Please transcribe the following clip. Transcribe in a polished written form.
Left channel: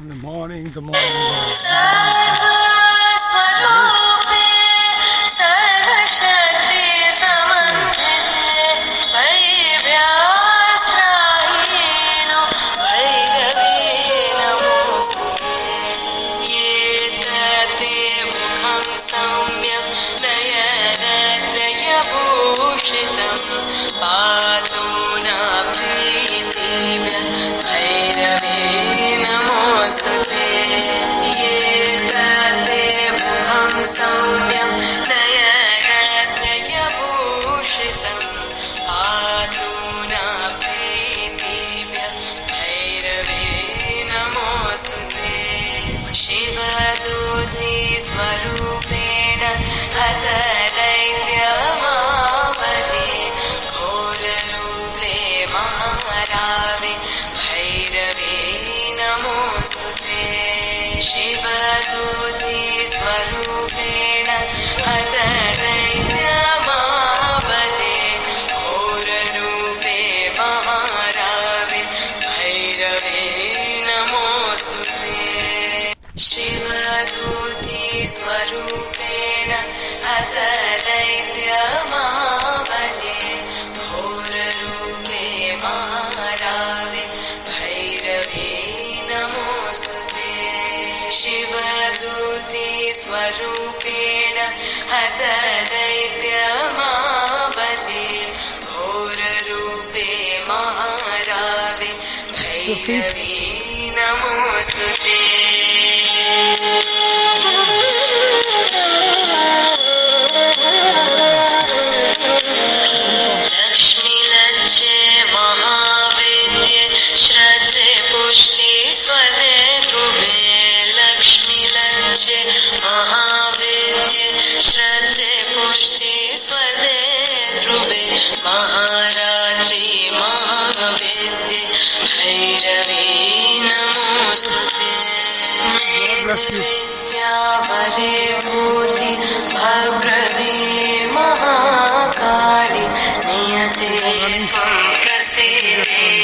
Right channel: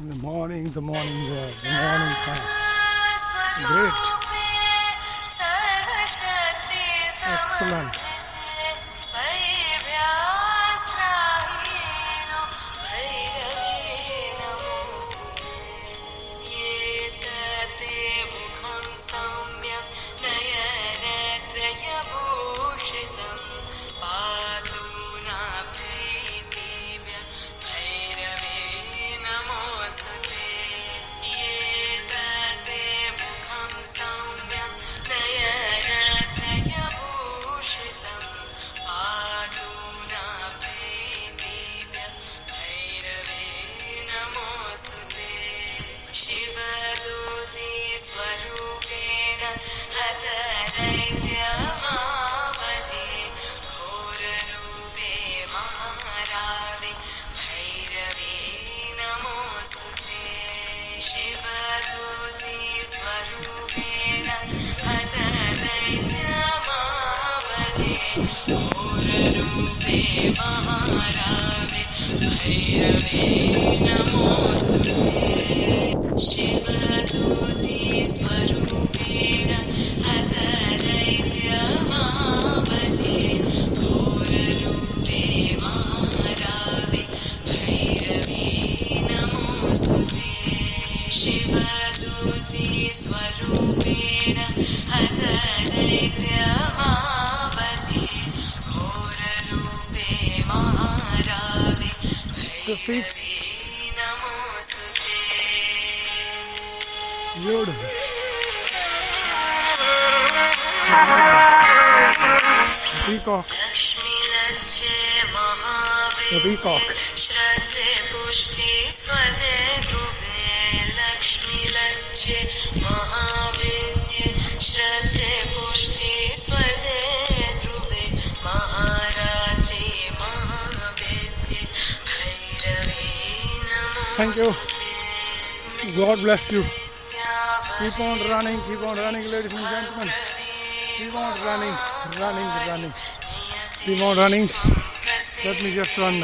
In the morning, the morning sun. Great. Excellent. स्वरूपेण हतदैत्यमावदे घोररूपे महारावे भैरवे नमोऽस्तुते शिवदूते स्वरूपेण हतदैत्यमावदे घोररूपे महारावे भैरवे नमोऽस्तुते शिवदूते स्वरूपेण हतदैत्यमावदे घोररूपे महारावे भैरवे नमोऽस्तुते शिवदूते स्वरूपेण हतदैत्यमावदे घोररूपे महारावे भैरवे नमोऽस्तुते लक्ष्मी लज्जे महावेद्ये श्रद्धे पुष्टि स्वदे ध्रुवे लक्ष्मी लज्जे महावेद्ये श्रद्धे पुष्टि स्वदे ध्रुवे महारात्रि महावेद्ये भैरवे नमोऽस्तुते God bless you. भद्रवे Mahakali नियते Good morning. Let me just run now.